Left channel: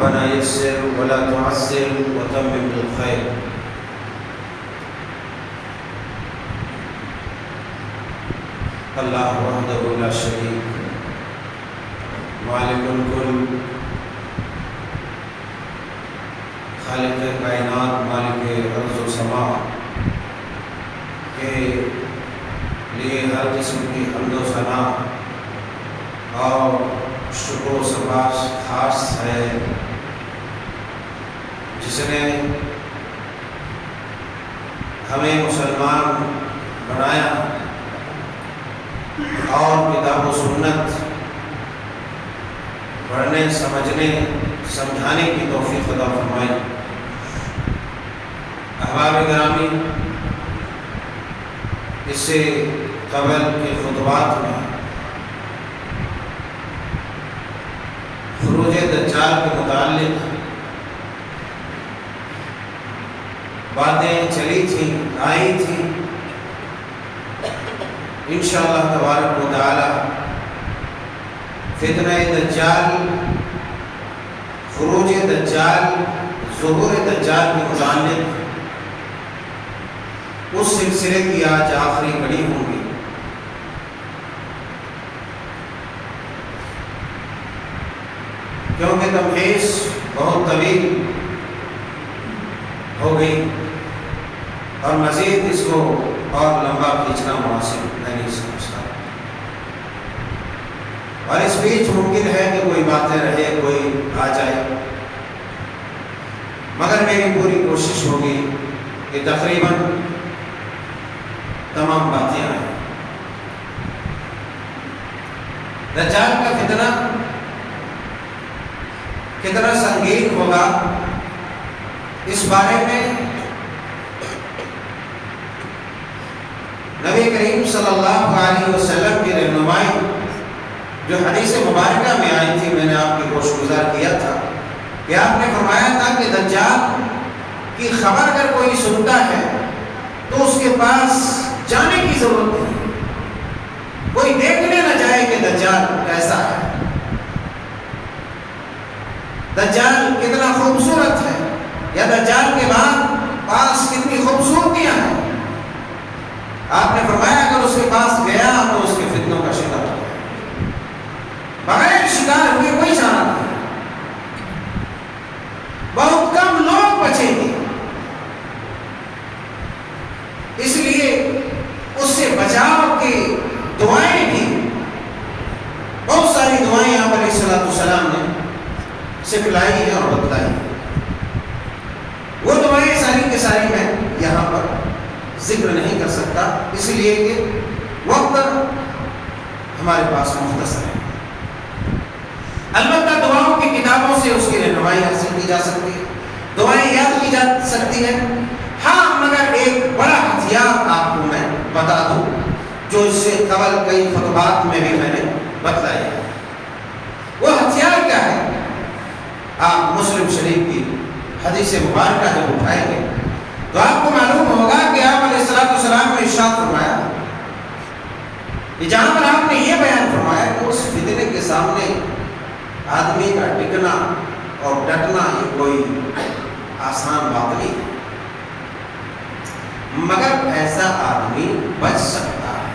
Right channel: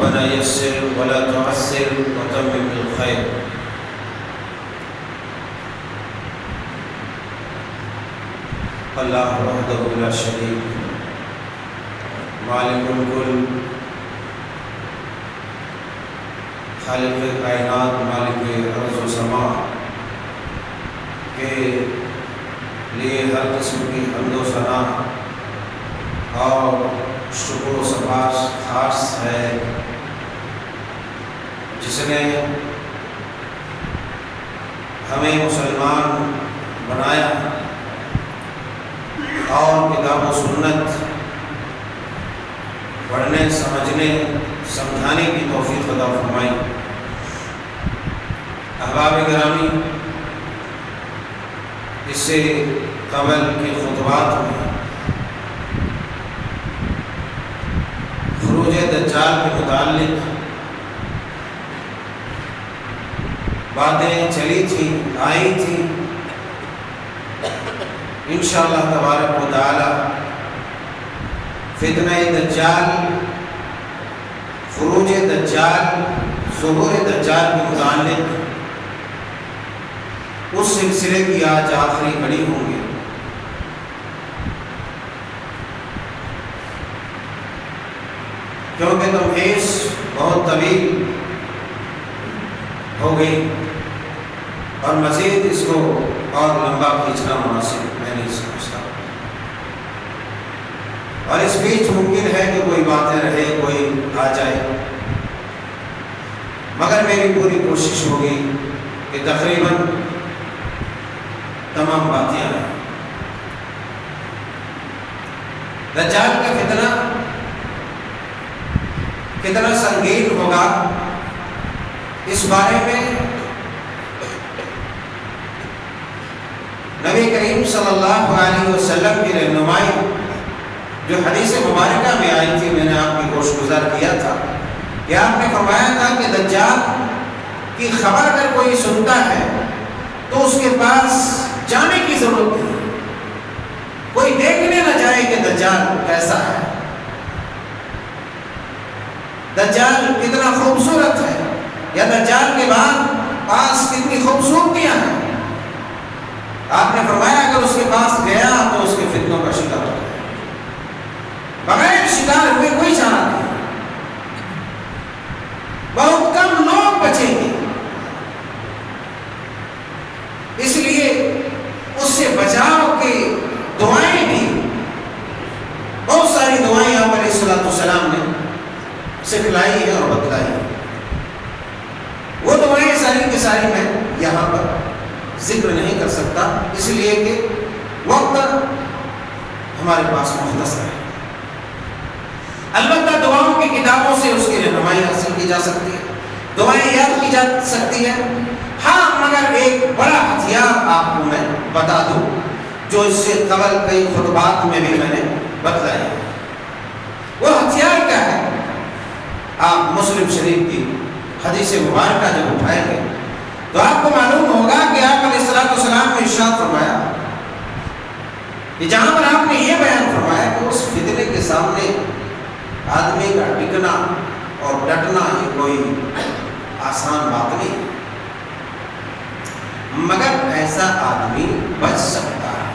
ربنا يسر ولا تعسر وتمم بالخير. اللہ وحدہ لا شریک مالک الکل خالق کائنات مالک ارض و سما کے لیے ہر قسم کی حمد و ثنا اور شکر و سپاس خاص ہے، جس نے ہمیں مسلمان بنایا اور کتاب و سنت پڑھنے سمجھنے سمجھانے کی توفیق عطا فرمائی. احباب گرامی، اس سے قبل کے خطبات میں خروج دجال کے متعلق باتیں چلی تھیں، آئی تھیں. انشاءاللہ تبارک و تعالی فتنہ دجال، خروج دجال، ظہور دجال کے متعلق اس سلسلے کی آج آخری کڑی ہوں گی. کیونکہ تمہیز بہت طویل ہو گئی اور مزید اس کو اور لمبا کھینچنا مناسب میں نہیں سمجھتا، اور اس بیچ ممکن ہے کہ کوئی باتیں رہے، کوئی آ جائے، مگر میری پوری کوشش ہوگی کہ تقریباً تمام باتیں آئیں. دجال کا فتنہ کتنا سنگین ہوگا، اس بارے میں نبی کریم صلی اللہ علیہ وسلم کی رہنمائی جو حدیث مبارکہ میں آئی تھی، میں نے آپ کی گوش گزار کیا تھا کہ آپ نے فرمایا تھا کہ دجال کی خبر اگر کوئی سنتا ہے تو اس کے پاس جانے کی ضرورت نہیں، کوئی دیکھنے نہ جائے کہ دجال کیسا ہے، دجال کتنا خوبصورت ہے، یا دجال کے بعد پاس کتنی خوبصورتیاں ہیں. آپ نے فرمایا اگر اس کے پاس گیا تو اس کے فتنوں کا شکار ہو گیا، بغیر شکار ہوئے کوئی چارہ نہیں. بہت کم لوگ بچیں گے، اس لیے اس سے بچاؤ کی دعائیں بھی بہت ساری دعائیں آپ علیہ السلام نے سکھلائی ہیں اور بتلائی ہیں. وہ دعائیں ساری کی ساری میں یہاں پر ذکر نہیں کر سکتا، اس لیے کہ وقت ہمارے پاس مختصر ہے. البتہ دعاؤں کی کتابوں سے اس کی رہنمائی حاصل کی جا سکتی ہے، دعائیں یاد کی جا سکتی ہیں. ہاں، مگر ایک بڑا ہتھیار آپ کو میں بتا دوں جو اس سے قبل کئی خطبات میں بھی میں نے بتلایا ہے. وہ ہتھیار کیا ہے؟ آپ مسلم شریف کی حدیث مبارکہ جب اٹھائیں گے تو آپ کو معلوم ہوگا کہ آپ علیہ السلام نے ارشاد فرمایا کہ جہاں پر آپ نے یہ بیان فرمایا کہ اس فتنے کے سامنے آدمی کا ٹکنا اور ڈٹنا یہ کوئی آسان بات نہیں، مگر ایسا آدمی بچ سکتا ہے.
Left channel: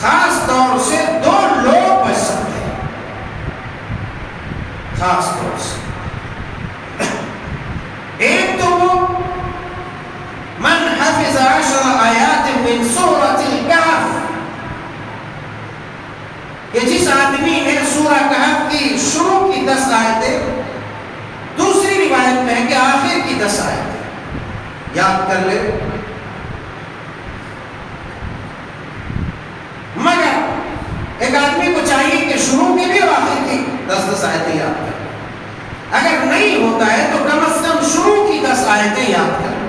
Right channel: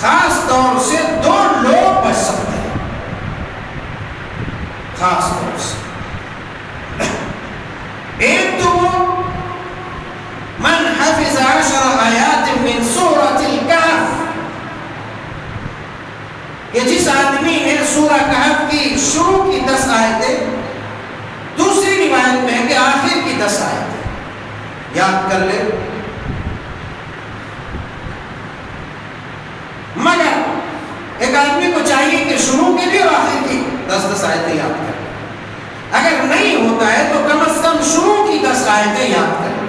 خاص طور سے دو لوگ بچ سکتے ہیں، خاص طور سے. ایک تو وہ من حفظ 10 آیات من سورۃ الکہف، کہ جس آدمی نے سورہ کہف کی شروع کی 10 آیتیں، دوسری روایت میں ہے کہ آخر کی 10 آیتیں یاد کر لے. مگر ایک آدمی کو چاہیے کہ شروع کی بھی اور آخر کی 10 آیتیں یاد کر. اگر نہیں ہوتا ہے تو کم از کم شروع کی 10 آیتیں یاد کر.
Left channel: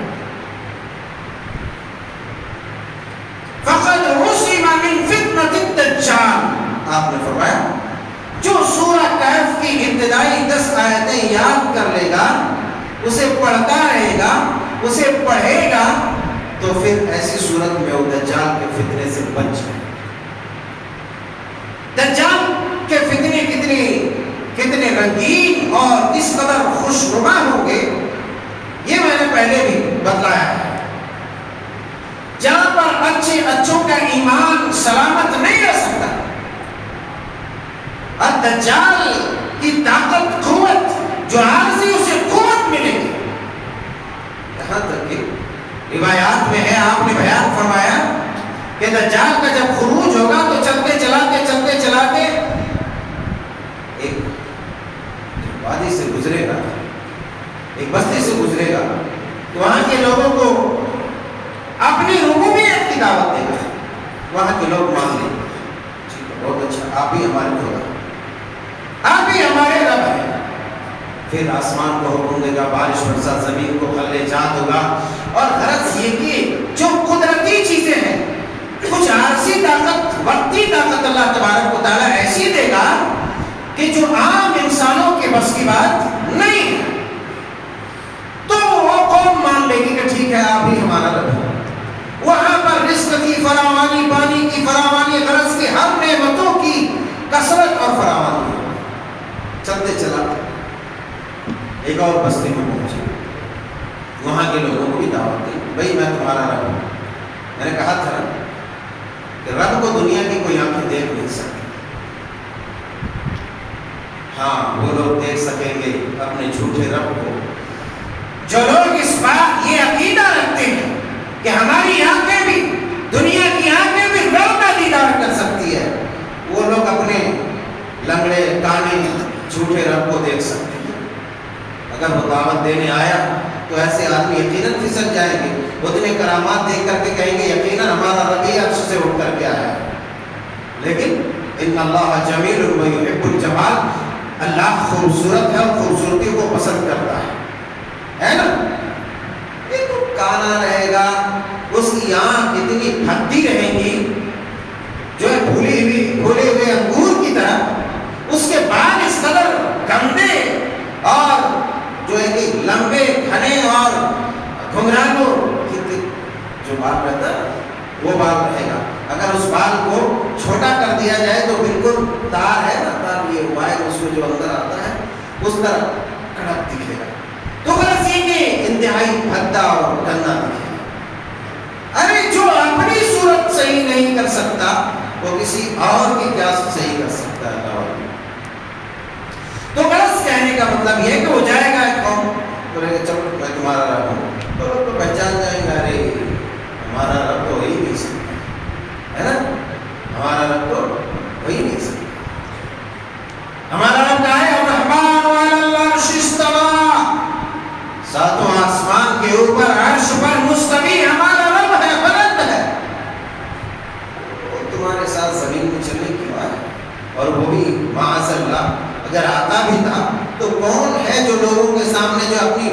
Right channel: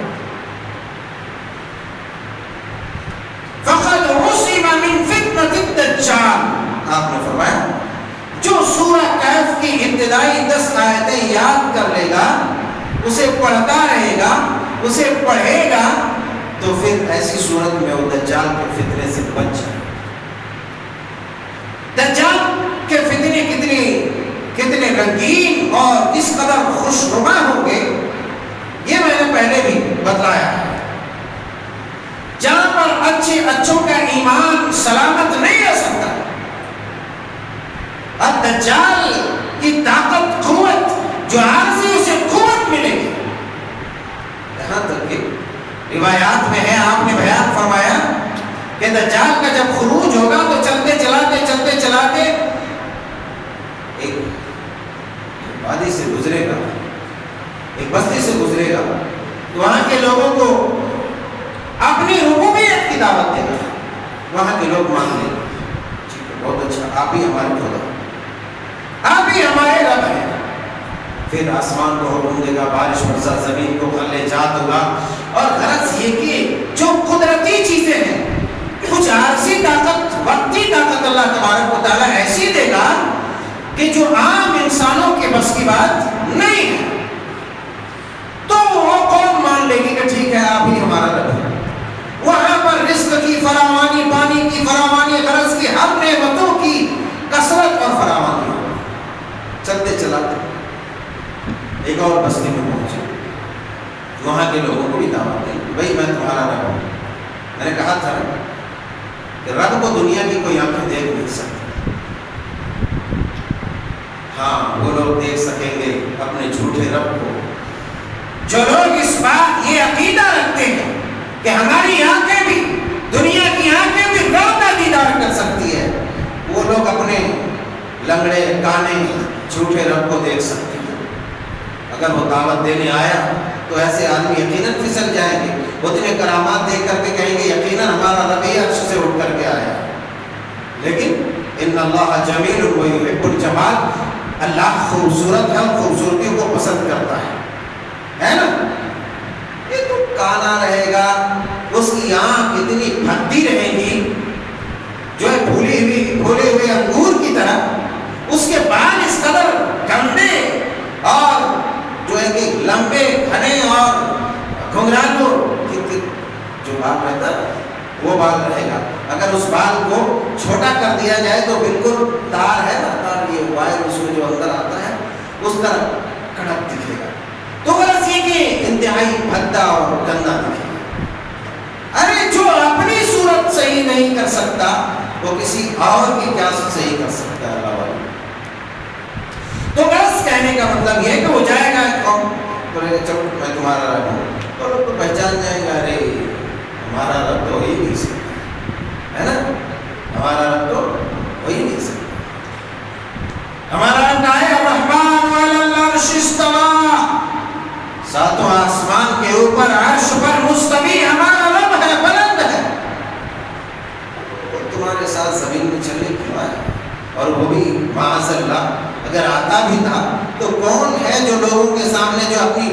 فقد عصم من فتنة الدجال، آپ نے فرمایا جو سورہ کہف کی ابتدائی 10 آیتیں یاد کر لے گا، اسے پڑھتا رہے گا، اسے پڑھے گا، تو پھر ایسی صورت میں وہ دجال کے فتنے سے بچ جائے. دجال کے فتنے کتنے رنگین پہلے بھی بتلایا ہے، جہاں پر اچھوں کا ایمان سلامت نہیں رہ سکتا، الدجال کی طاقت قوت جو عارضی اسے قوت ملے گی، یہاں تک کہ روایات میں ہے، آپ نے بیان فرمایا کہ دجال کا جب خروج ہوگا تو چلتے چلاتے ایک وادی سے گزرے گا، ایک بستی سے گزرے گا، تو وہاں کے لوگوں کو اپنی ربوبیت کی دعوت دے گا، وہاں کے لوگ مان لیں گے، ٹھیک ہے بہت اچھا، آپ ہی ہمارے خدا، آپ ہی ہمارے رب ہیں۔ پھر آسمان کو حکم دے گا، بارش برسا، زمین کو پھل جات ہوگا، اور غرض یہ کہ جو قدرتی چیزیں ہیں، کچھ عارضی طاقت، وقتی طاقت اللہ تبارک و تعالیٰ ایسی دے گا کہ جو عام انسانوں کے بس کی بات نہیں ہے، تو وہ قوم مان لے گی کہ ٹھیک ہے آپ ہی ہمارا رب ہے۔ وہاں پر رزق کی فراوانی، پانی کی فراوانی، غرض کی ہر نعمتوں کی کثرت اور فراوانی، چلتے چلاتے ایک اور بستی میں پہنچے، وہاں کے لوگوں کو بھی دعوت دی، بھائی میں تمہارا رب ہوں۔ میں نے کہا تھا کہ رب کو دنیا کی کوئی آنکھیں دیکھ نہیں سکتی، ہاں وہ لوگ دیکھ سکیں گے اپنے جھوٹے رب کو، جو لوگ اس بات یہ عقیدہ رکھتے ہیں کہ ہماری آنکھیں بھی، دنیا کی آنکھیں بھی رب کا دیدار کر سکتی ہے، وہ لوگ اپنے لنگڑے کانے جھوٹے رب کو دیکھ سکتے ہیں۔ اگر وہ دعوت دینے آیا تو ایسے آدمی یقیناً پھسل جائیں گے، اتنے کرامات دیکھ کر کے کہیں گے یقیناً ہمارا رب ہی عرش سے اٹھ کر کے آیا ہے، لیکن ان اللہ جمیل و یحب الجمال، اللہ خوبصورت ہے اور خوبصورتی کو پسند کرتا ہے نا؟ یہ تو کانا رہے گا، اس کی آنکھ اتنی پھٹی رہے گی جو ہے پھولے ہوئے انگور کی طرح، اس کے بال اس قدر گندے اور جو ہے کہ لمبے گھنے اور گھنگرانو، جو بال رہتا وہ بال رہے گا، اگر اس بال کو چھوٹا کر دیا جائے تو بالکل تار ہے نا، تار یہ وائر اس میں جو اندر آتا ہے اس طرح کڑک دکھے گا، تو غرض یہ کہ انتہائی بھدا اور گندا دکھے گا۔ ارے جو اپنی صورت صحیح نہیں کر سکتا وہ کسی اور کی کیا صحیح کر سکتا ہے؟ اللہ والا۔ تو غرض کہنے کا مطلب یہ ہے کہ وہ جائے گا ایک قوم، بولے گا چلو میں تمہارا رب ہوں، تو لوگ تو پہچان جائیں گے، ارے ہمارا رب تو وہی نہیں سکتا ہے نا، ہمارا رب تو وہی نہیں سکتا، ہمارا رب کہا ہے الرحمن علی العرش استویٰ، ساتوں آسمان کے اوپر عرش پر مستوی ہمارا رب ہے، بلند ہے، وہ تمہارے ساتھ زمین میں چلنے کیوں آئے؟ اور وہ بھی معاذ اللہ اگر آتا بھی تھا تو کون ہے جو لوگوں کے سامنے جو اپنی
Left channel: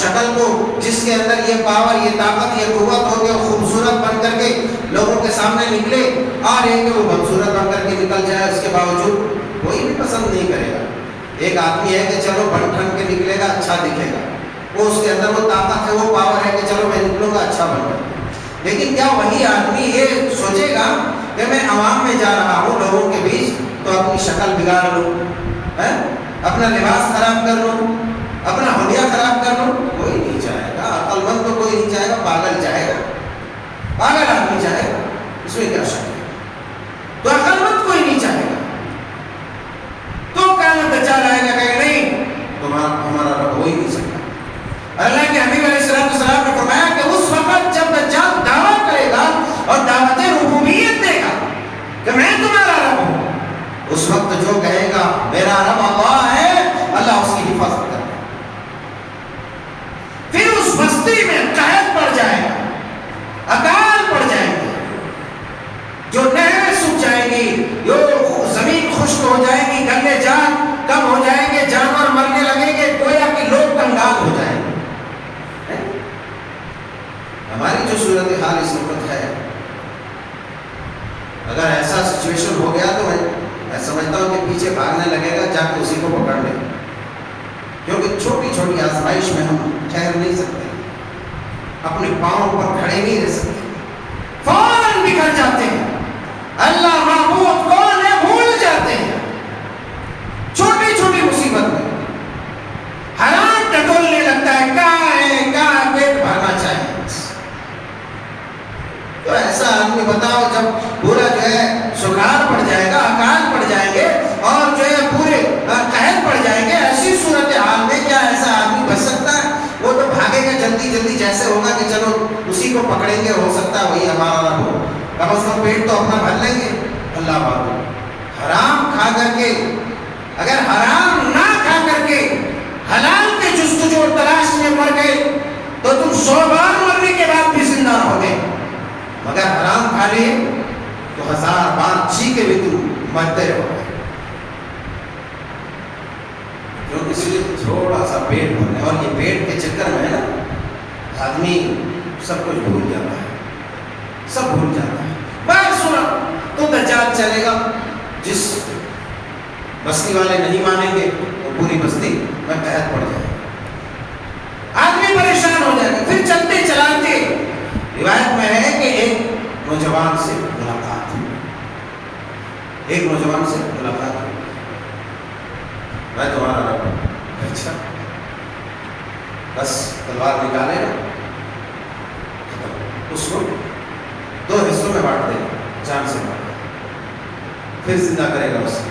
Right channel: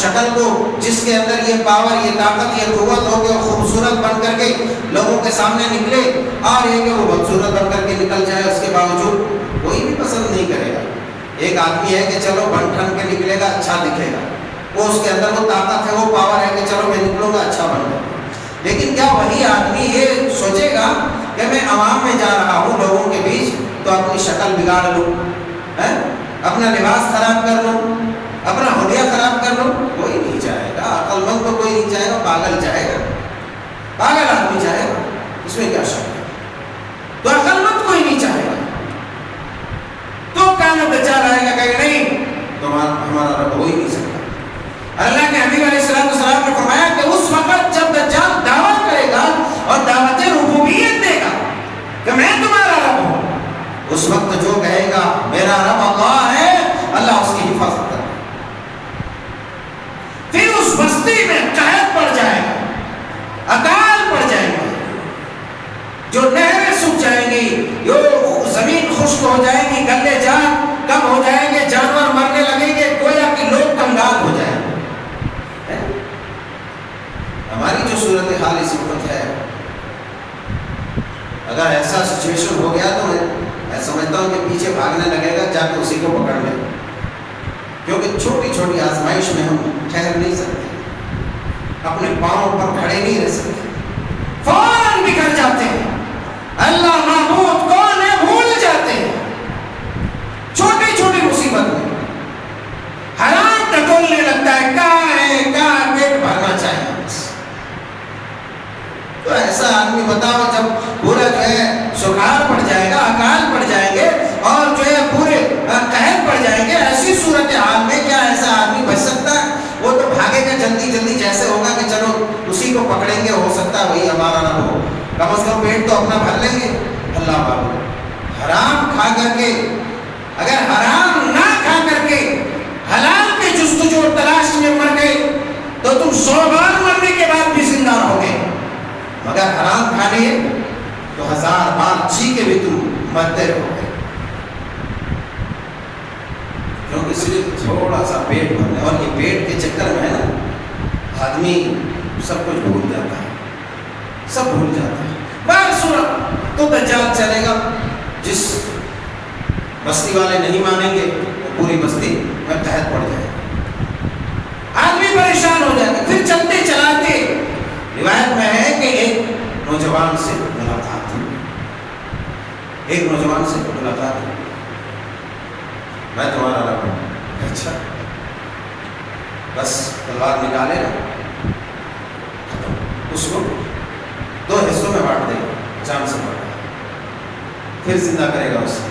شکل کو، جس کے اندر یہ پاور، یہ طاقت، یہ قوت ہو گیا، خوبصورت بن کر کے لوگوں کے سامنے نکلے، اور یہ کہ وہ بدصورت بن کر کے نکل جائے، اس کے باوجود کوئی بھی پسند نہیں کرے گا۔ ایک آدمی ہے کہ چلو بن ٹھن کے نکلے گا، اچھا دکھے گا، وہ اس کے اندر وہ طاقت ہے، وہ پاور ہے کہ چلو میں نکلوں گا اچھا بن گا، لیکن کیا وہی آدمی یہ سوچے گا کہ میں عوام میں جا رہا ہوں لوگوں کے بیچ تو اپنی شکل بگاڑ لوں، اپنا لباس خراب کر لوں، اپنا حلیہ خراب کر لوں؟ کوئی نہیں چاہے گا، عقل مند تو کوئی نہیں چاہے گا، پاگل چاہے گا، پاگل آدمی چاہے گا، اس میں کیا شک ہے؟ تو عقل مند کوئی نہیں چاہے گا، تو کہنا بچہ رہے گا کہ نہیں تو ہمارا رب ہو ہی نہیں سکتا۔ اللہ کے حبیب علیہ السلام نے فرمایا کہ اس وقت جب دجال دعویٰ کرے گا اور دعوت ربوبیت دے گا کہ میں تمہارا رب ہوں، اس وقت جو کہے گا میرا رب اللہ ہے، اللہ اس کی حفاظت کرے گا، پھر اس بستی میں قحط پڑ جائے گا، اکال پڑ جائے گی، جو نہریں سوکھ جائیں گی، جو زمین خشک ہو جائے گی، گلے جان کم ہو جائیں گے، جانور مرنے لگیں گے، گویا کہ لوگ کنگال ہو جائیں گے۔ ہماری جو صورتحال اس وقت ہے، اگر ایسا سچویشن ہو گیا تو میں سمجھتا ہوں کہ پیچھے بھاگنے لگے گا، جا کے اسی کو پکڑ لے، کیونکہ چھوٹی چھوٹی آزمائش میں ہم ٹھہر نہیں سکتے، اپنے پاؤں پر کھڑے نہیں رہ سکتے، فوراً بکھر جاتے ہیں، اللہ معبود کون ہے بھول جاتے ہیں، چھوٹی چھوٹی مصیبت میں حالات ٹٹولنے لگتا ہے، کہاں ہے کہاں بتاؤ جب پورا جو ہے سکھاڑ پڑ جائے گا، اکال پڑ جائیں گے اور جو ہے پورے قحط پڑ جائیں گے، ایسی صورتحال میں کیا ایسا آدمی بچ سکتا ہے؟ وہ تو بھاگے گا جلدی جلدی، جیسے ہوگا کہ چلو اسی کو پکڑیں گے، ہو سکتا ہے وہی ہمارا نہ ہو، کم از کم پیٹ تو اپنا بھر لیں گے۔ اللہ بابو، حرام کھا کر کے، اگر حرام نہ کھا کر کے حلال کے جستجو اور تلاش میں مر گئے تو تم 100 بار مرنے کے بعد بھی زندہ رہو گے، مگر حرام کھا لیے تو 1000 بار جی کے بھی تم مرتے رہو گے، کیونکہ صرف تھوڑا سا پیٹ بھرنے، اور یہ پیٹ کے چکر میں ہے نا آدمی سب کچھ بھول جاتا ہے، سب بھول جاتا ہے۔ بار صورت تو دجال چلے گا، جس بستی والے نہیں مانیں گے تو پوری بستی میں قحط پڑ جائے گا، آدمی پریشان ہو جائے گا۔ پھر چلتے چلاتے روایت میں ہے کہ ایک نوجوان سے ملاقات ہوئی، ایک نوجوان سے ملاقات ہوئی، میں تمہارا رب ہوں۔ اچھا، بس تلوار نکالے نا، ختم، اس کو 2 حصوں میں بانٹ دے، جان سے بانٹ دے، پھر زندہ کرے گا اسے،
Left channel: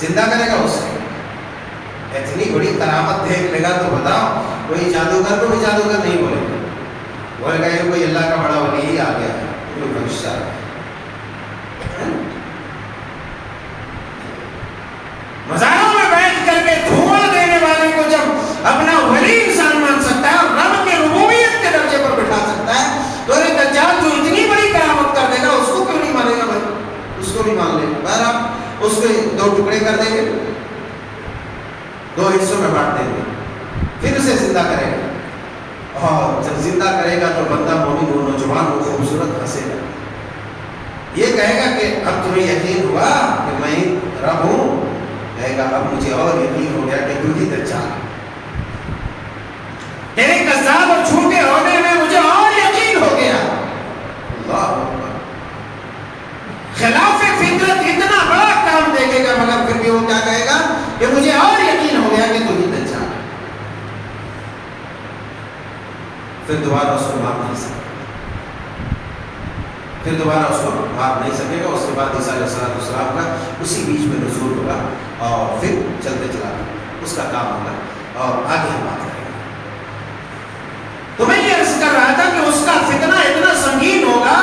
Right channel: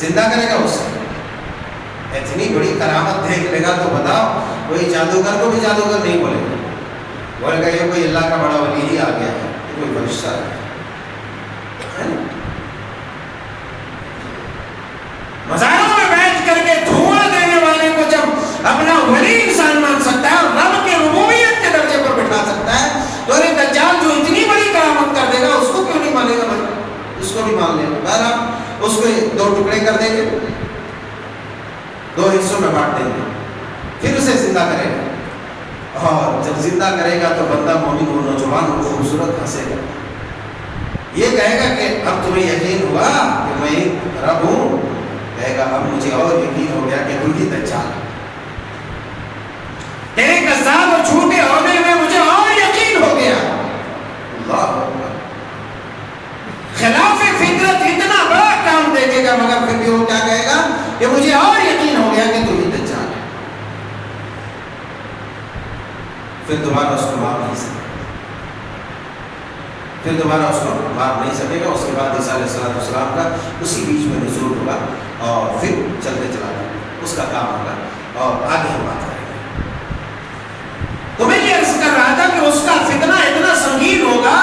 زندہ کرے گا اسے۔ اتنی بڑی کرامت دیکھ لے گا تو بتاؤ کوئی جادوگر کو بھی جادوگر نہیں بولے گا، بولے گا یہ کوئی اللہ کا بڑا ولی ہی آ گیا ہے، کوئی فرشتہ آ گیا ہے۔ مزاروں میں بیٹھ کر کے دھواں دینے والے کو جب اپنا ولی انسان مان سکتا ہے اور رب کے ربوبیت کے درجے پر بٹھا سکتا ہے، تو ارے دجال جو اتنی بڑی کرامت کر دے گا اس کو کیوں نہیں مانے گا بھائی؟ اس کو بھی مان لے گا۔ بہرحال اس کے 2 ٹکڑے کر دیں گے، 2 حصوں میں بانٹ دیں گے، پھر اسے زندہ کرے گا، اور جب زندہ کرے گا تو بندہ مومن و نوجوان و خوبصورت ہنسے گا، یہ کہے گا کہ اب تمہیں یقین ہوا کہ میں رب ہوں، کہے گا اب مجھے اور یقین ہو گیا کہ تو ہی دجال ہے، تیرے کذاب اور جھوٹے ہونے میں مجھے اور یقین ہو گیا۔ اللہ اکبر، خلاف فطرت اتنا بڑا کام دیکھے گا مگر پھر بھی وہ کیا کہے گا کہ مجھے اور یقین ہو گیا کہ تو ہی دجال ہے۔ پھر دوبارہ اس کو مار نہیں سکے گا، پھر دوبارہ اس کو مار نہیں سکے گا۔ اس کے بعد عیسیٰ علیہ السلام کا اسی بیچ میں نزول ہوگا اور پھر چلتے چلاتے اس کا کام ہوگا، اور آگے ہم بات کریں گے۔ تو میں یہ عرض کر رہا تھا کہ اس کا فتنہ اتنا سنگین ہوگا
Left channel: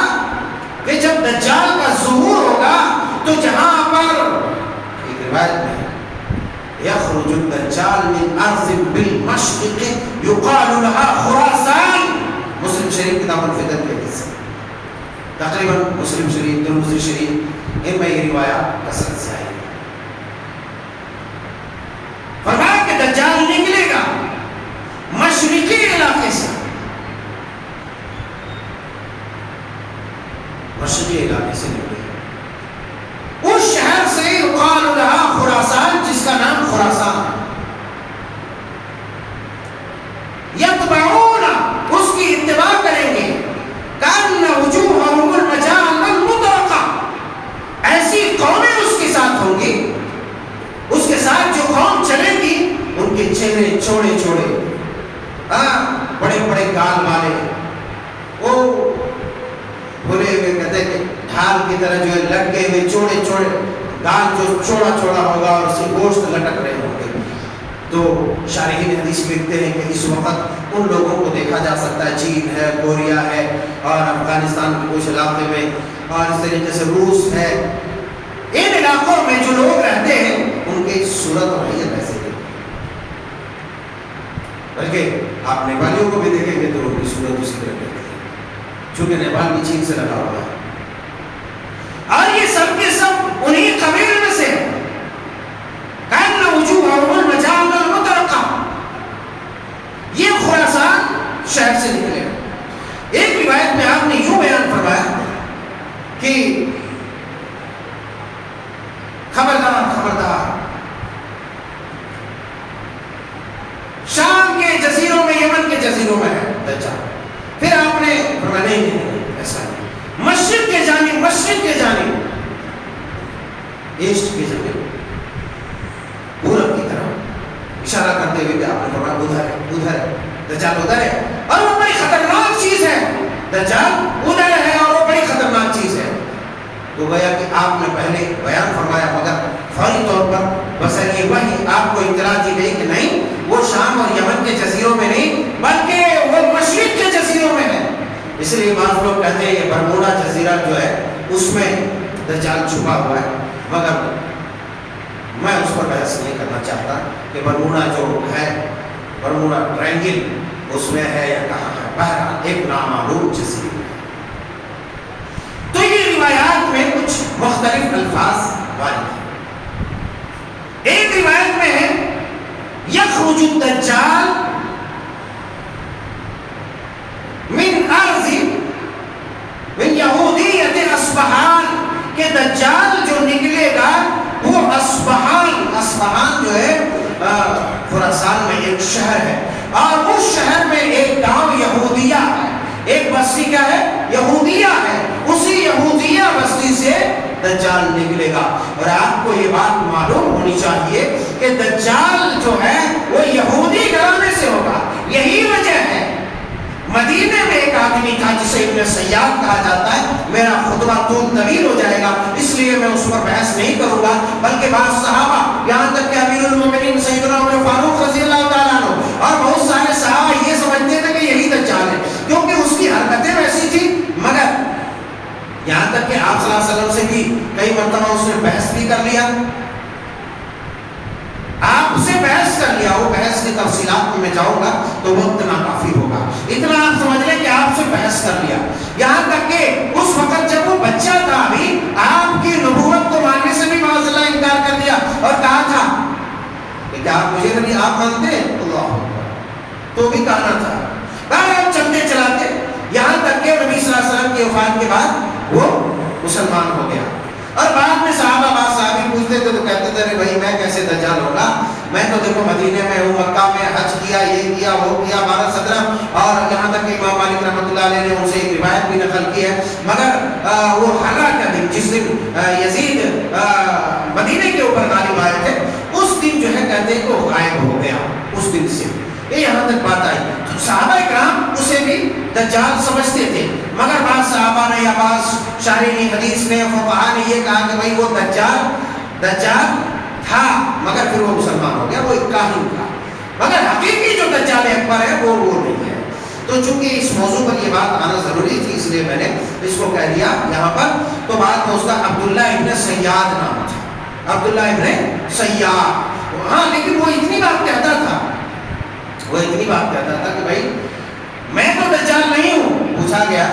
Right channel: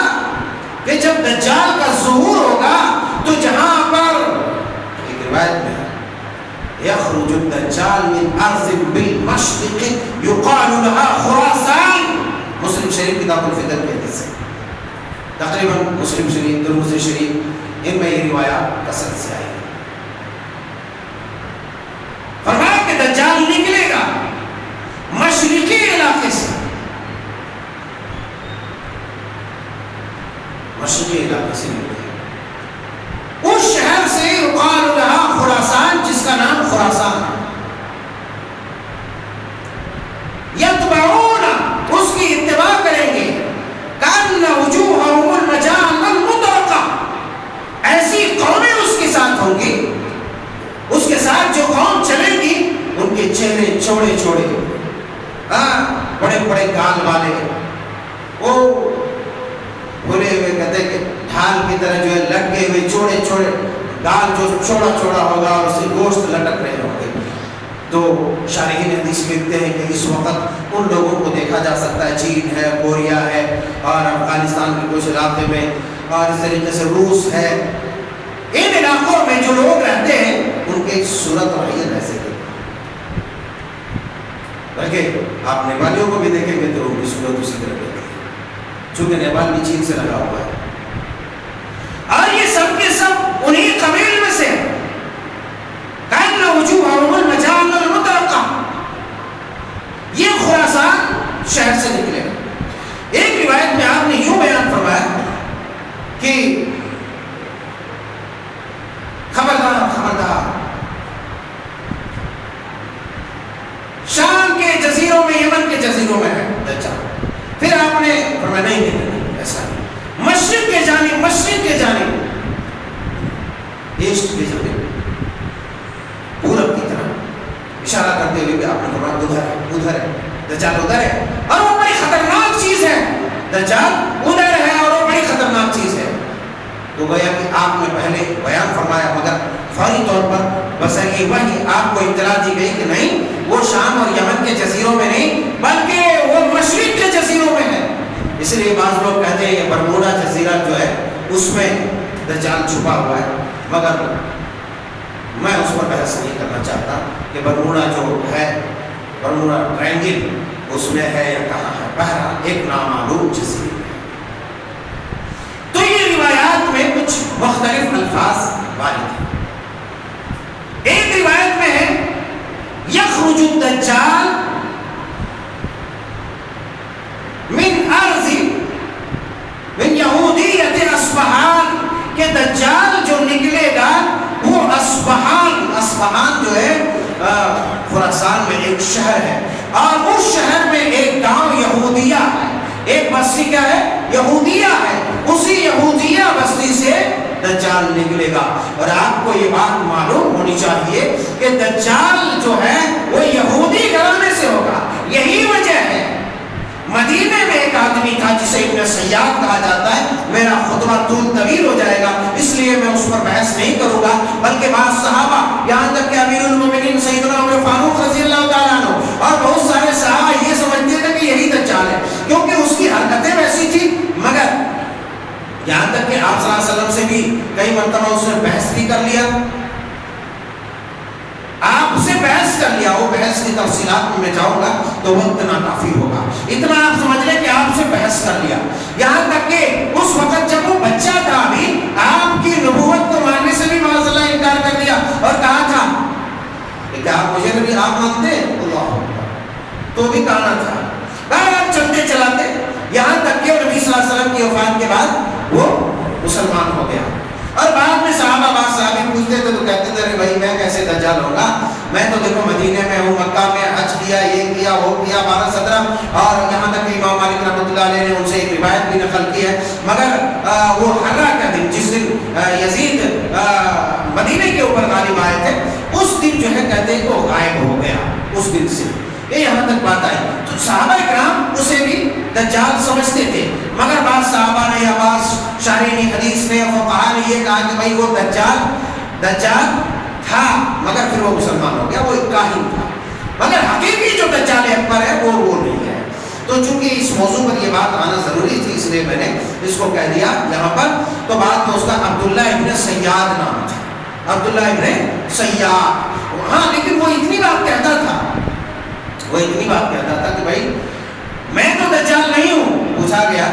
کہ جب دجال کا ظہور ہوگا تو جہاں پر ایک روایت میں یخرج الدجال من ارض بالمشرق یقال لها خراسان، مسلم شریف کتاب الفتن کے حدیث ہے، تقریباً مسلم شریف، ترمذی شریف، ان میں یہ روایات کثرت سے آئی ہے۔ فرمایا کہ دجال نکلے گا مشرقی علاقے سے، مشرقی علاقے سے نکلے گا، اس شہر سے یقال لها خراسان، جس کا نام خراسان ہے، یتبعون، اس کی اتباع کریں گے، کأن وجوہہم المجان المطرقہ، ایسی قومیں اس کے ساتھ ہوں گی، اس کے ساتھ جو قوم چلے گی ان کے چہرے چوڑے چوڑے، بڑے بڑے گال والے، وہ بھولے ہوئے کہتے ہیں کہ ڈھال کی طرح جو ہے لٹکے ہوئے چوڑے چوڑے گال، جو چوڑا چوڑا ہوگا اور اس سے گوشت لٹک رہے ہوں گے۔ تو شارحین حدیث لکھتے ہیں کہ اس وقت ان لوگوں کو دیکھا جا سکتا ہے، چین ہے، کوریا ہے، اور افغانستان کے کچھ علاقے میں، اور اس طریقے سے روس ہے، ان علاقوں میں جو لوگ رہتے ہیں ان کی صورت اور حیت ایسے ہی، بلکہ آپ نیپالیوں کو بھی دیکھیں گے تو ان کی صورت اسی طرح رہتی ہے، چونکہ نیپال بھی چین سے لگا ہوا ہے، اور یہ سب کے سب انہی قبیل میں سے ہیں۔ کأن وجوہہم المجان المطرقہ، یہ خراسان شہر سے نکلے گا۔ ایک روایت میں آپ نے یوں بیان فرمایا کہ خبردار خبردار، شام کے جزیروں میں، یمن کے جزیروں میں ہے دجال۔ پھر آپ نے فرمایا نہیں ایسا نہیں، مشرق کے جانب، مشرق کے جانب، ایسٹ کے جانب، پورب کی طرف اشارہ کرتے ہوئے بھی آپ نے فرمایا ادھر ہے، ادھر ہے دجال، ادھر ہے، اور وہ بڑی خطرناک چیز ہے، دجال ادھر ہے اور وہ بڑی خطرناک خطرناک چیز ہے، تو گویا کہ آپ نے پہلے بیان فرمایا، مگر فوری طور پر بذریعہ وحی آپ کو اطلاع دی گئی کہ نہیں، وہ شام اور یمن کے جزیروں میں نہیں بلکہ وہ مشرق کے جزیروں میں ہے۔ اس لیے بعض لوگ کہتے ہیں یہ برمودا جزیرہ جو ہے اس میں دجال چھپا ہوا ہے، مگر میں اس پر بحث نہیں کرنا چاہتا کہ برمودا جو ہے، برمودا ٹرائنگل اس میں ہے یا کہاں ہے، بہرحال ایک نامعلوم جزیرہ ہے۔ تو یہ روایات میں کچھ مختلف الفاظ وارد ہیں۔ ایک روایت میں ہے یخرج الدجال من ارض من یہودیت اصبہان، کہ دجال جو نکلے گا وہ اصبہان جو ہے خراسان میں ایک شہر ہے، اور اس شہر میں ایک گاؤں یہودیہ ہے، ایک بستی کیا ہے؟ یہودیہ ہے، اسی یہودیہ بستی سے دجال نکلے گا۔ اور آپ کو یہ بات معلوم ہونی چاہیے کہ دجال جو ہے وہ یہودی گھرانے سے ہوگا۔ یہی وجہ ہے مدینے میں ایک آدمی تھا جسے ابن سیاد کہا جاتا ہے، میرا خطبہ طویل ہو جائے گا اس لیے میں اس پر بحث نہیں کروں گا، بلکہ بعض صحابہ یہاں تک کہ امیر المومنین سیدنا عمر فاروق رضی اللہ تعالیٰ عنہ اور بہت سارے صحابہ یہ سمجھتے تھے کہ یہی دجال ہے، کیونکہ اس کی حرکتیں ویسی تھی۔ مگر یہاں تک کہ آپ صلی اللہ علیہ وسلم سے بھی کئی مرتبہ اس نے بحث بھی کر لیا، آپ سے بحث کر لیا، وہ بحث کی تفصیلات میں جاؤں گا تو وقت ناکافی ہوگا، اتنا آپ سمجھ لیں کہ آپ سے بحث کر لیا۔ یہاں تک کہ اس وقت جب وہ بچہ تھا ابھی، آپ کی نبوت کو ماننے سے بھی معاذ اللہ انکار کر دیا اور کہا تھا کہ آپ مجھے نبی آپ مانتے ہیں، اللہ تو بھی کہنا تھا۔ آپ چلتے چلاتے یہاں تک کہ نبی صلی اللہ علیہ وسلم کی وفات کے بعد وہ مسلمان ہو گیا۔ اور بعد میں صحابی پوچھتے تھے تو کہتے تھے بھائی میں کیسے دجال ہوگا، میں تو دیکھو مدینے میں ہوں، مکہ میں حج کیا، یہ کیا وہ کیا 12-17، اور یہاں تک کہ امام مالک رحمۃ اللہ علیہ نے ان سے ایک روایت بھی نقل کی ہے، مگر وہ حرہ کا دن جس دن یزید مدینے کے اوپر غالب آئے تھے، اس دن جو ہے کہتے ہیں کہ وہ غائب ہو گیا، اس دن سے یہ یہاں تک بات آئی۔ تو صحابہ کرام اسے بھی دجال سمجھتے تھے، مگر بعض صحابہ نے یا بعض شارحین حدیث نے فقہاء نے یہ کہا کہ بھائی وہ دجال تھا، مگر پھر وہ مسلمان ہو گیا، وہ ایک کاہن تھا، مگر حقیقی جو دجال اکبر ہے وہ نہیں ہے۔ تو چونکہ اس موضوع پر یہ بات آنا ضروری تھی اس لیے میں نے اس کو کہہ دیا یہاں پر۔ تو بعد میں اس کا عبداللہ ابن سیاد نام تھا، عبداللہ ابن سیاد، ہاں لیکن وہ اتنی بات کہتا تھا کہ بھائی میں تو دجال نہیں ہوں۔ پوچھا گیا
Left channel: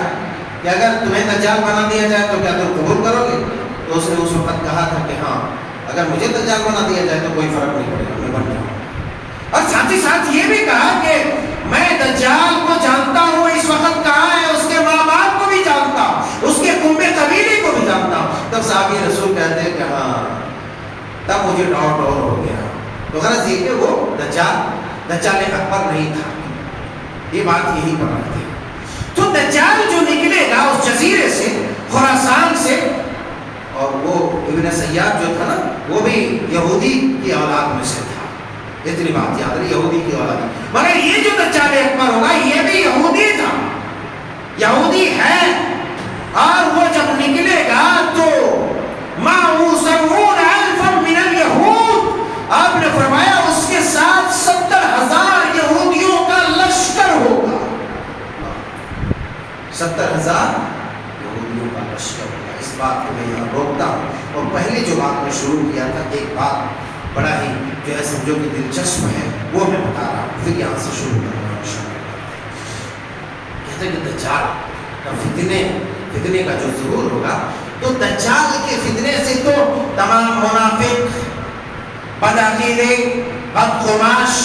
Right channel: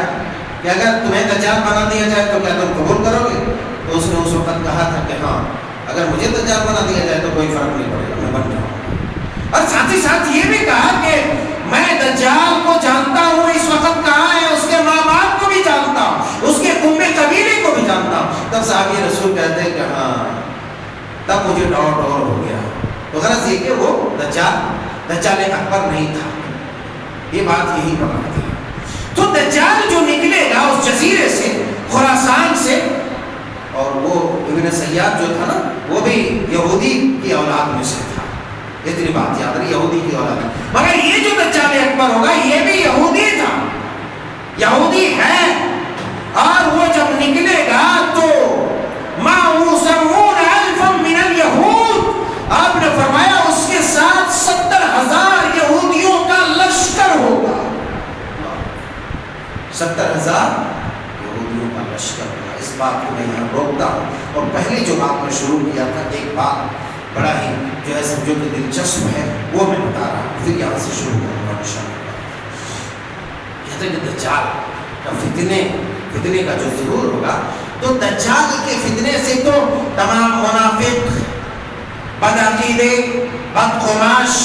کہ اگر تمہیں دجال بنا دیا جائے تو کیا تم قبول کرو گے؟ تو اس نے اس وقت کہا تھا کہ ہاں اگر مجھے دجال بنا دیا جائے تو کوئی فرق نہیں پڑے گا، میں بن جاؤں گا۔ اور ساتھ ہی ساتھ یہ بھی کہا کہ میں دجال کو جانتا ہوں، اس وقت کہاں ہے، اس کے ماں باپ کو بھی جانتا ہوں، اس کے کنبے قبیلے کو بھی جانتا ہوں۔ تب صحابی رسول کہتے ہیں کہ ہاں تب مجھے ڈاؤٹ اور ہو گیا۔ تو غرض یہ کہ وہ دجال اکبر نہیں تھا، یہ بات یہی پر رکھتی ہے۔ تو دجال جو نکلے گا اس جزیرے سے، خراسان سے، اور وہ ابن سیاد جو تھا نا وہ بھی یہودی کی اولاد میں سے تھا، اتنی بات یاد رہی، یہودی کی اولاد، مگر یہ جو دجال اکبر ہوگا یہ بھی یہودی تھا، یہودی ہے، اور وہ جب نکلے گا تو معه 70,000 من اليهود، آپ نے فرمایا اس کے ساتھ 70,000 یہودیوں کا لشکر ہوگا، 70,000 یہودیوں کا لشکر ہوگا۔ اس بات کو میں یہاں روکتا ہوں، اور پہلے جو بات میں شروع کیا تھا ایک بات بڑا ہی جو ہے سمجھو کہ دلچسپ ہے وہ میں بتا رہا ہوں، پھر یہاں سے شروع کروں گا انشاءاللہ۔ کہتے ہیں کہ دجال کا فتنے کا جو ظہور ہوگا، تو دجال کے فتنے سے تو تمام منافق، بدعقیدے، بدقماش،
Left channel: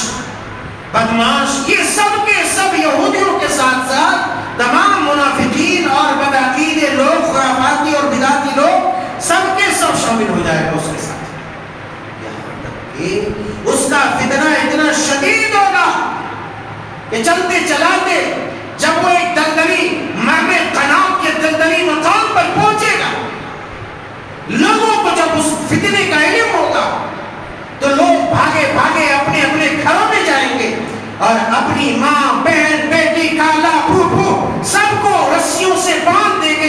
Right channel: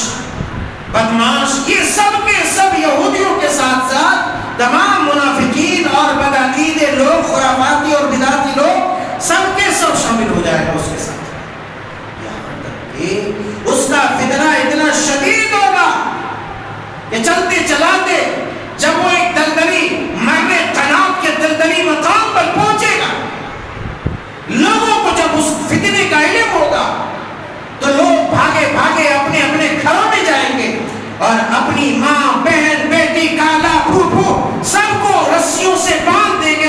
بدماش، یہ سب کے سب یہودیوں کے ساتھ ساتھ تمام منافقین اور بدعقیدے لوگ، خرافاتی اور بدعتی لوگ، سب کے سب شامل ہو جائے گا اس کے ساتھ۔ یہاں تک کہ اس کا فتنہ اتنا شدید ہوگا کہ چلتے چلاتے جب وہ ایک دلدلی مرنے قنات کے دلدلی مقام پر پہنچے گا، لوگوں کو جب اس فتنے کا علم ہوگا تو لوگ بھاگے بھاگے اپنے اپنے گھروں میں جائیں گے، اور اپنی ماں، بہن، بیٹی، کالا، پھوپھو سب کو رسیوں سے باندھ دیں گے،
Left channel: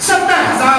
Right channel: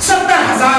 70,000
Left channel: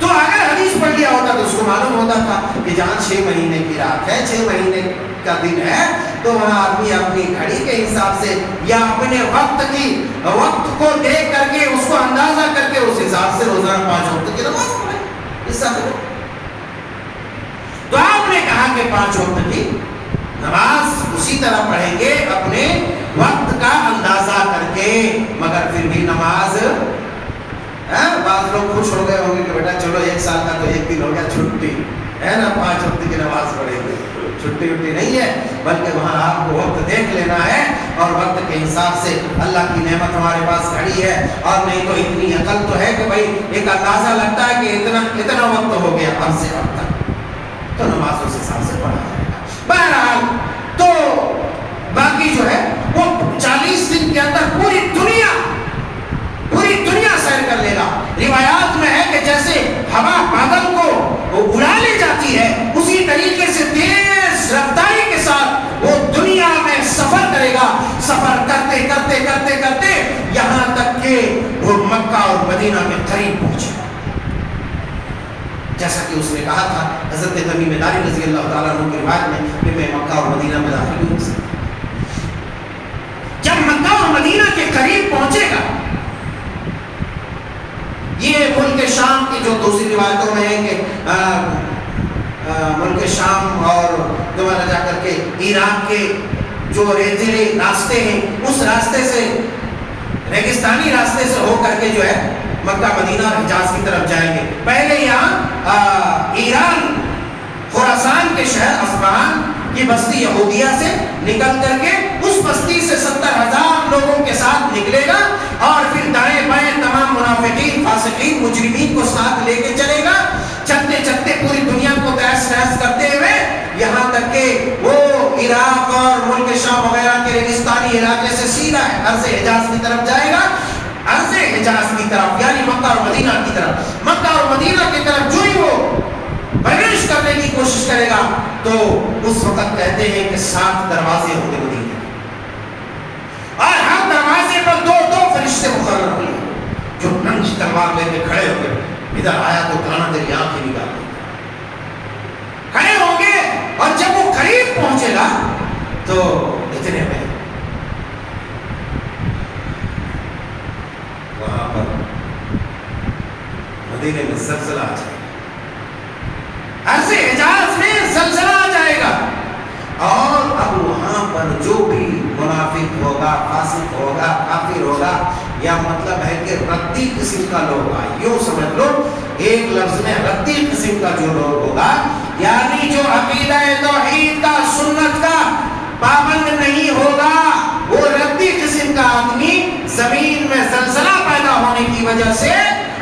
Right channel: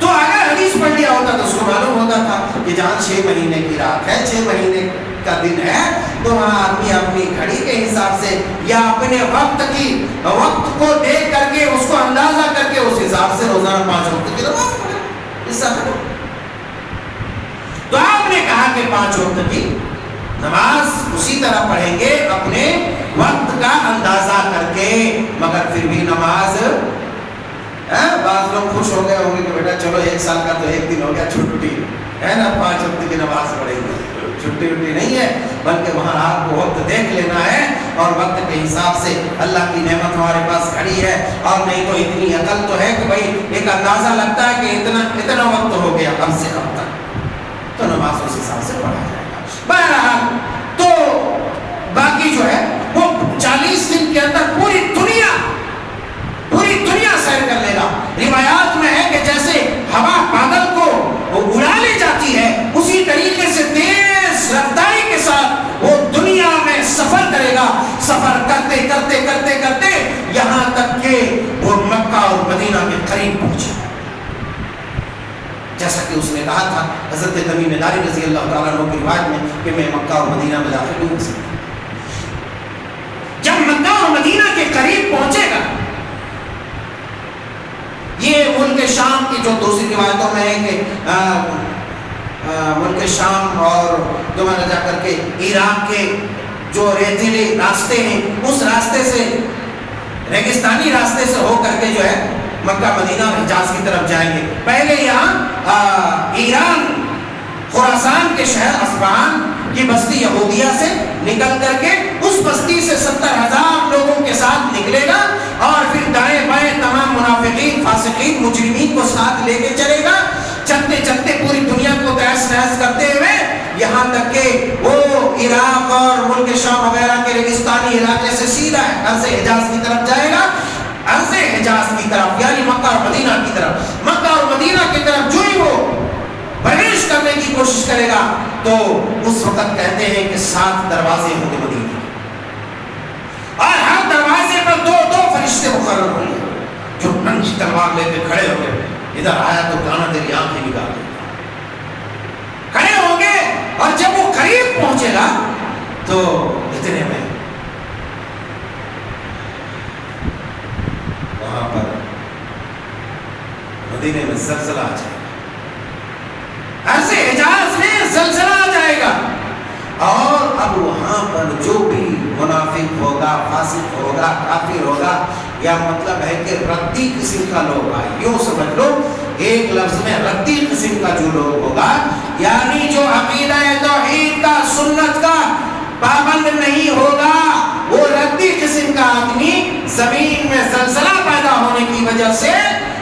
تو اگر حدیث پڑھ لیا ہوتا تو اس کو معلوم ہوتا تھا کہ جہاں 6 مہینے کی رات ہے، 6 مہینے کا دن ہے، تو وہاں آدمی اپنی گھڑی کے حساب سے یا اپنے وقت کو دیکھ کر کے اس کو اندازہ کر کے اس حساب سے روزانہ 5 وقت کی نماز پڑھے. اس سے تو آپ نے کہا کہ 5 وقت کی نماز اسی طرح پڑھیں گے اپنے وقت کا اندازہ کر کے، مگر پھر بھی نماز بعض لوگ خوش ہو گئے ہوں گے کہ بیٹا چلو 1 سال کا تو 1 دن ہو گیا چھٹی ہے نا، 5 وقت کی نماز پڑھیں گے. چھٹی وٹی نہیں ہے، بلکہ وہاں آپ کو وقت دیکھ لینا ہے اور وقت کے حساب سے اللہ کی نعمت ہمارے پاس کھڑی ہے. اور نہیں تو اتنی عقل تو ہے کہ بھائی ایک اندازہ لگتا ہے کہ اتنا وقت ہو گیا اب سے اب تک، تو نماز اس حساب سے پڑھا جائے گا. بہرحال تو باقی جو ہے وہ 40 دن کے اندر پوری دنیا سیر کر لے گا. روایات میں ہے کہ جیسے ہوا بادل کو اڑا لے جاتی ہے، اسی طریقے سے تیز رفتاری کے ساتھ وہ دنیا میں سفر کرے گا. سفر کرتے کرتے کرتے کرتے یہاں تک کہ وہ مکہ اور مدینہ کے قریب پہنچے، جیسا کہ اس نے کہا تھا حضرت تمیم داری رضی اللہ تعالیٰ عنہ کی روایت میں کہ میں مکہ اور مدینہ میں داخل ہو سکتا. جب مکہ اور مدینہ کے قریب پہنچے گا، یہ ملک شام کی جو دوسری روایتوں میں ہے کہ ملک شام اور دوبارہ جا کر کے عراق کے جو ریتیلے راستے ہیں اس راستے سے، ریگستانی راستے سے ہو کر کے جو ہے مکہ مدینہ حجاز کی طرف جائیں گے. پہلے یہاں ایران خراسان کے شہر اصفہان کی بستی یہودیہ سے نکل کر کے اس بستی سے 70,000 لوگوں کے ساتھ نکلے گا اور پھر دائیں بائیں تمام منافقین، فاسقین، مجرمین کو ساتھ لے کے چلے گا، چلتے چلتے پوری دنیا کو تہس نہس کرتے ہوئے یہاں تک کہ وہ عراق اور ملک شام وغیرہ کے ریگستانی علاقے سے سیدھا عرض حجاز کی طرف جائے گا. عرض حجاز کی طرف یعنی مکہ اور مدینہ کی طرف. مکہ اور مدینہ کی طرف جو ہی وہ پرویش کرنے کی کوشش کرے گا تو اس وقت کہتے ہیں کہ 7 دروازے ہوں گے مدینہ، اور ہر دروازے پر 2 فرشتے مقرر ہوں گے جو ننگی تلوار لے کے کھڑے ہوں گے. ادھر آیا تو کانا تیری آنکھیں نکال کھڑے ہوں گے، اور جب وہ قریب پہنچے گا تو اتنے میں وہاں پر مدینے میں زلزلہ آ جائے گا. عرض حجاز میں زلزلہ آ جائے گا، اور اب وہاں پر جو بھی منافق ہوگا، فاسق ہوگا، کافر ہوگا، یا مطلب ہے کہ ردی قسم کا لوگ ہوگا، یوں سمجھ لو ایک لفظ میں ردی قسم کا جو لوگ ہوگا، یعنی جو عقیدہ توحید کا، سنت کا پابند نہیں ہوگا، وہ ردی قسم کا آدمی زمین میں زلزلہ پیدا ہونے کی وجہ سے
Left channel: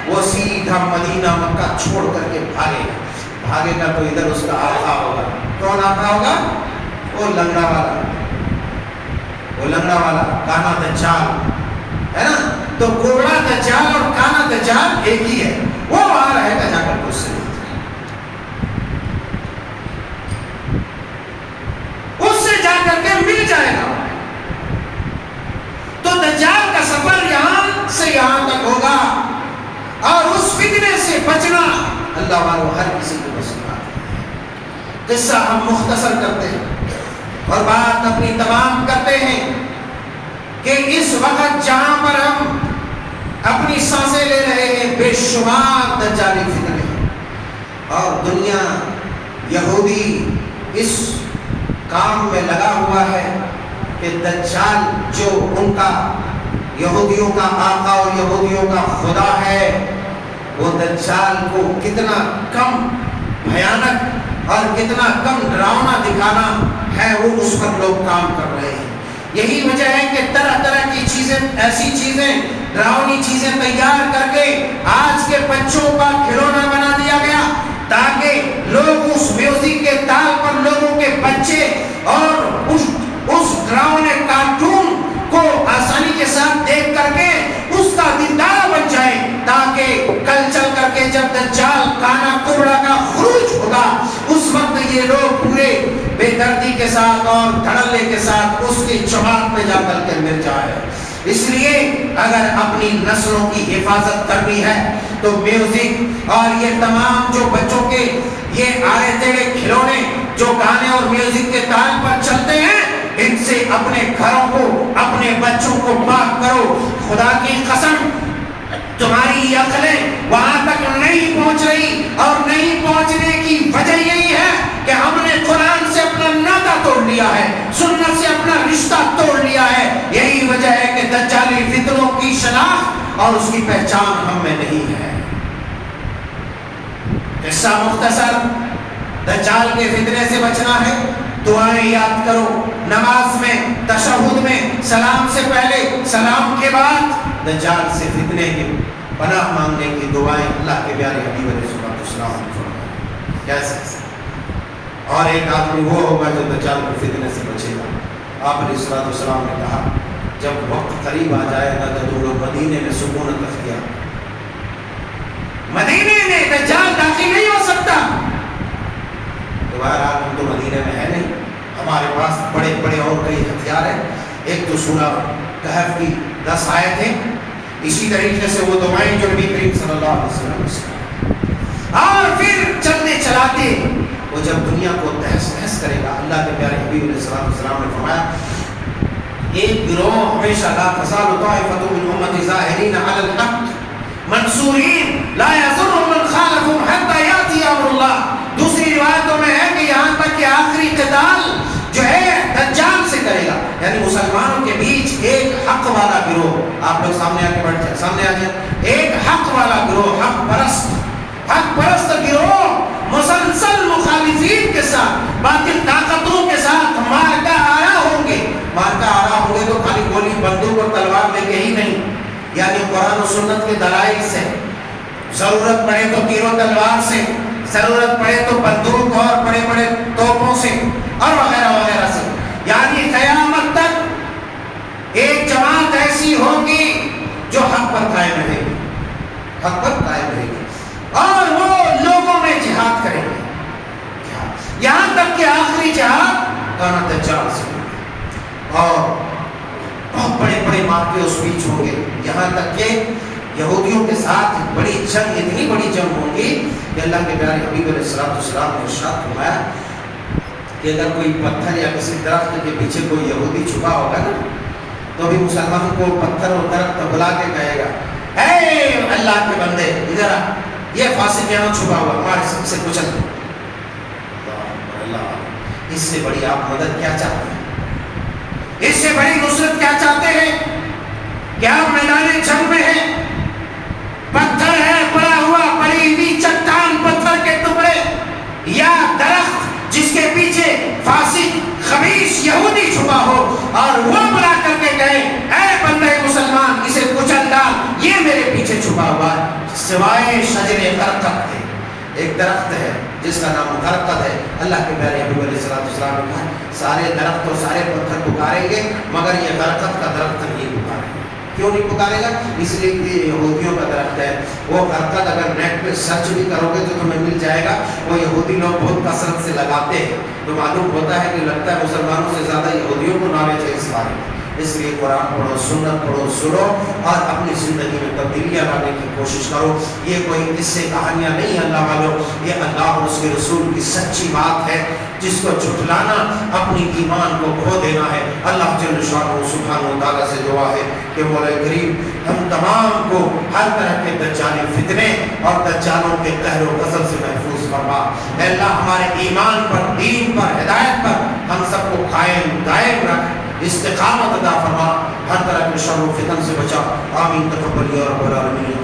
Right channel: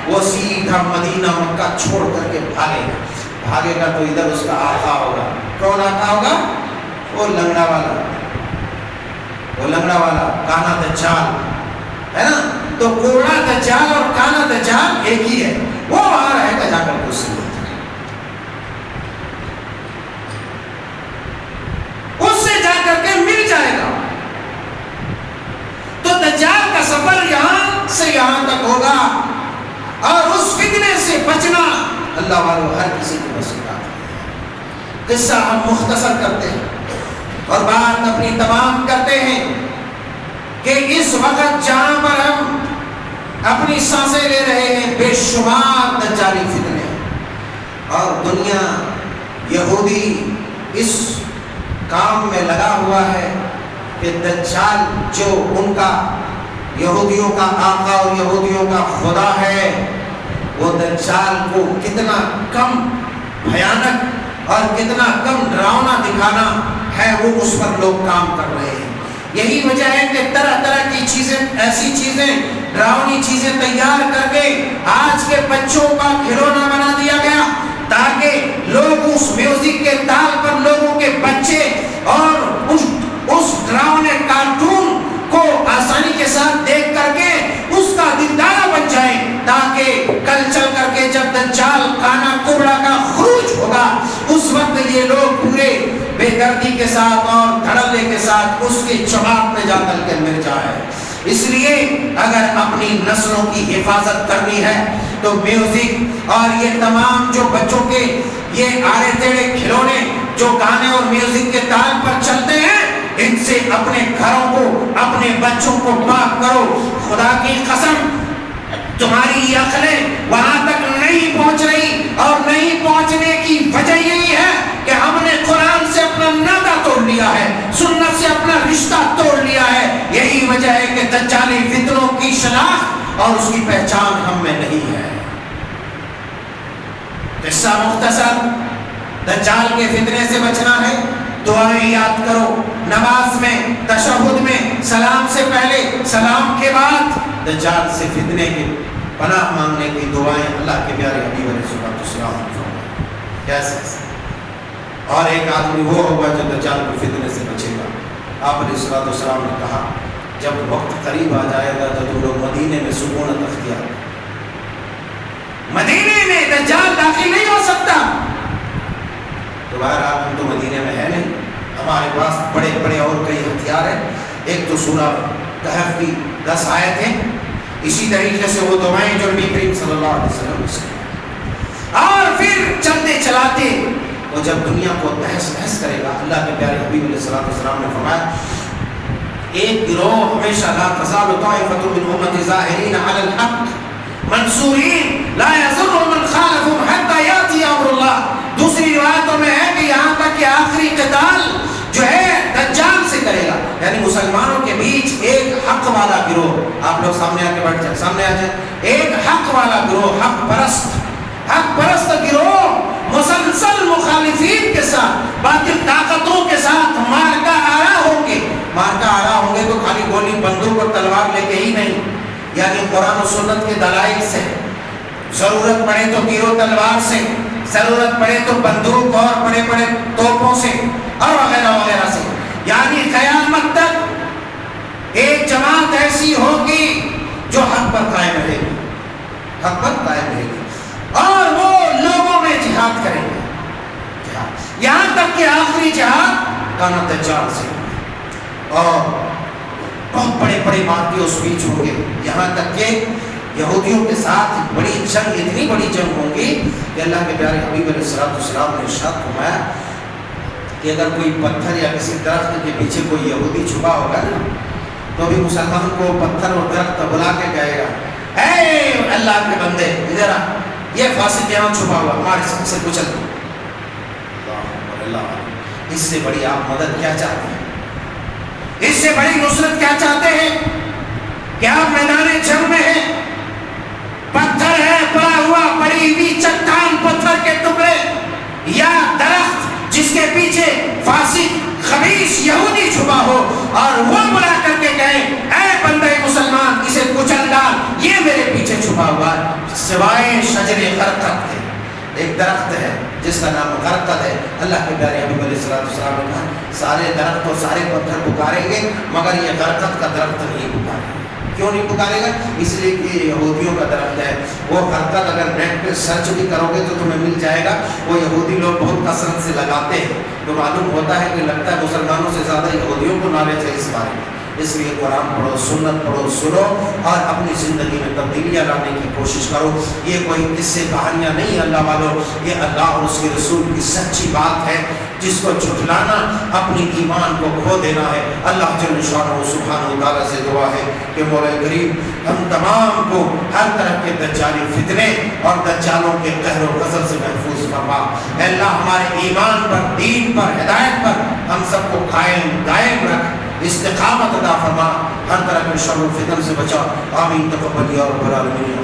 وہ سیدھا مدینہ مکہ چھوڑ کر کے بھاگے گا. تو ادھر اس کا آقا ہوگا. کون آقا ہوگا؟ وہ لنگڑا والا کانا دجال ہے نا. تو کوڑا دجال اور کانا دجال ایک ہی ہے. وہ وہاں رہے گا، جا کر کے اس سے جا کر کے مل جائے گا. تو دجال کا سفر یہاں سے یہاں تک ہوگا، اور اس فتنے سے بچنا اللہ والوں ہر کسی کی مصیبت. قصہ ہم مختصر کرتے ہیں اور بات اپنی تمام کرتے ہیں کہ اس وقت جہاں پر ہم اپنی سانسیں لے رہے ہیں بے شمار دجالی فتنے ہیں، اور دنیا یہودی اس کام میں لگا ہوا ہے کہ دجال جو ان کا یہودیوں کا آقا اور یہودیوں کا خدا ہے، وہ دجال کو کتنا کم بھیانک اور کتنا کم ڈراؤنا دکھانا ہے، وہ اس پر لوگ کام کر رہے ہیں. یہی وجہ ہے کہ طرح طرح کی چیزیں، ایسی چیزیں، ڈراؤنی چیزیں تیار کر کے آج کے بچوں کا کھلونا بنا دیا گیا، تاکہ لوگ اس میوزک کے تال پر لوگوں کے بچے اور اس ڈراؤنے کارٹون کو آسانی کے ساتھ دیکھ کر کے اس کا دیندار بن جائے، تاکہ کل چل کر کے جب دجال کانا کبڑا کا خروج ہوگا اس وقت یہ لوگ پورے بے دردی کے ساتھ اور دھڑلے کے ساتھ اس کی جماعت میں جا کر کے مل جائے. اس لیے اگر اپنی نسلوں کی حفاظت کرنی ہے تو میوزک اور یہ تمام جو بچوں کے یہ آڑے ٹیڑھے کھلونے جو گانے اور میوزک کے تال پر چلتے ہیں، ان سے اپنے گھروں کو، اپنے بچوں کو پاک کرو۔ خدا کی قسم تمہاری عقلیں وہاں تک نہیں پہنچ رہی، اور نہیں پہنچنے کی وجہ یہی ہے کہ ہم نے قرآن سے اپنا ناطہ توڑ لیا ہے، سنت سے اپنا رشتہ توڑ لیا ہے۔ یہی وجہ ہے کہ دجالی فتنوں کی شناخت اور اس کی پہچان ہم میں نہیں ہے۔ قصہ مختصر، دجال کے فتنے سے بچنا ہے، دعائیں یاد کرو، نماز میں، تشہد میں، سلام سے پہلے، سلام کے بعد دجال سے فتنے کی پناہ مانگنے کی دعائیں اللہ کے پیارے حبیب علیہ السلام کیسے۔ اور ایک آدمی وہ ہوگا جو دجال کے فتنے سے بچے گا۔ آپ علیہ السلام نے کہا جب وقت قریب آ جائے گا تو لوگ مدینے میں سکونت اختیار، مدینے میں دجال داخل نہیں ہو سکتا۔ تو بہرحال ہم تو مدینے میں ہے نہیں، ہمارے پاس بڑے بڑے اور کئی ہتھیار ہیں۔ ایک تو سورہ کہف کی 10 آیت ہیں، اسی طریقے سے وہ دعائیں جو نبی کریم صلی اللہ علیہ وسلم سے، اور پھر چلتے چلاتے وہ جب دنیا کو تہس نہس کرے گا، اللہ کے پیارے حبیب علیہ السلام نے فرمایا ایک گروہ ہمیشہ لا تزال طائفۃ من امتی ظاہرین علی الحق منصورین لا یضر من خالفهم حتی یاتی امر اللہ۔ دوسری روایتوں میں ہے کہ یہاں تک کہ آخری قتال جو ہے دجال سے کرے گا، یعنی مسلمانوں کے بیچ ایک حق والا گروہ، آپ لوگ سامنے آ کے بیٹھ جائیں، سامنے آ جائیں، ایک حق والا گروہ، حق پرست گروہ مسلسل مخالفین کے ساتھ، باطل طاقتوں کے ساتھ مارکا آرا ہوں گے۔ مارکا آرا ہوں گے تو خالی گولی بندوق اور تلوار لے کے ہی نہیں، یعنی قرآن و سنت کے دلائل سے، ضرورت پڑے تو تیر و تلوار سے، ضرورت پڑے تو بندوق اور بڑے بڑے توپوں سے اور وغیرہ وغیرہ سے، یعنی قیامت تک ایک جماعت ایسی ہوگی جو حق پر قائم رہے گی، حق پر قائم رہے گی، اور وہ لوگوں میں جہاد کریں گے، یہاں تک کہ آخری جہاد کانا دجال سے ہوگا، اور بہت بڑے بڑے مارکے اس بیچ ہوں گے، یہاں تک کہ یہودیوں کے ساتھ بڑی جنگ، اتنی بڑی جنگ ہوگی کہ اللہ کے پیارے حبیب علیہ السلام نے ارشاد فرمایا کہ اگر کوئی پتھر یا کسی درخت کے پیچھے کوئی یہودی چھپا ہوگا نا، تو بھی مسلمان کو پتھر اور درخت بلا کے کہے گا اے اللہ کے بندے ادھر آ، یہ فاسق یہاں چھپا ہوا، ہمارے سب سے کچل دو۔ اللہ، اس سے بڑی آپ مدد کیا چاہتے ہیں؟ اس سے بڑی نصرت کیا چاہتے ہیں؟ کیا آپ میدان جنگ میں ہیں، پتھر ہے پڑا ہوا، پڑی ہوئی چٹان پتھر کے ٹکڑے، یا درخت جس کے پیچھے فاسق خبیث یہودی چھپا ہو، اور وہ بلا کر کے کہے اے بندے مسلمان اسے کچل ڈال، یہ میرے پیچھے چھپا ہوا ہے، سوائے شجر غرقد کے۔ ایک درخت ہے جس کا نام غرقد ہے، اللہ کے پیارے حبیب علیہ السلام نے کہا سارے درخت اور سارے پتھر پکاریں گے مگر یہ غرقد کا درخت نہیں پکارے گا۔ کیوں نہیں پکارے گا؟ اس لیے کہ یہودیوں کا درخت ہے، وہ غرقد اگر نیٹ پہ سرچ بھی کرو گے تو تمہیں مل جائے گا، وہ یہودی لوگ بہت کثرت سے لگاتے ہیں، تو معلوم ہوتا ہے کہ لگتا ہے مسلمانوں سے زیادہ یہودیوں کو نالج ہے اس بارے میں۔ اس لیے قرآن پڑھو، سنت پڑھو، سنو، اور اپنی زندگی میں تبدیلیاں لانے کی کوشش کرو۔ یہ کوئی قصے کہانیاں نہیں اللہ والوں، یہ اللہ اور اس کے رسول کی سچی بات ہے، جس کو جھٹلانا اپنی ایمان کو کھو دینا ہے۔ اللہ جل شانہ سبحانہ و تعالیٰ سے دعا ہے کہ مولا کریم ہم تمام کو ہر طرح کے دجالی فتنے اور دجالوں کے قہر و غضب سے محفوظ فرما۔ اے اللہ ہمارے ایمان پر، دین پر، ہدایت پر ہم سب کو قائم دائم رکھ، استقامت عطا فرما، ہر طرح کے شر و فتن سے بچا۔ آمین تقبل یا رب العالمین۔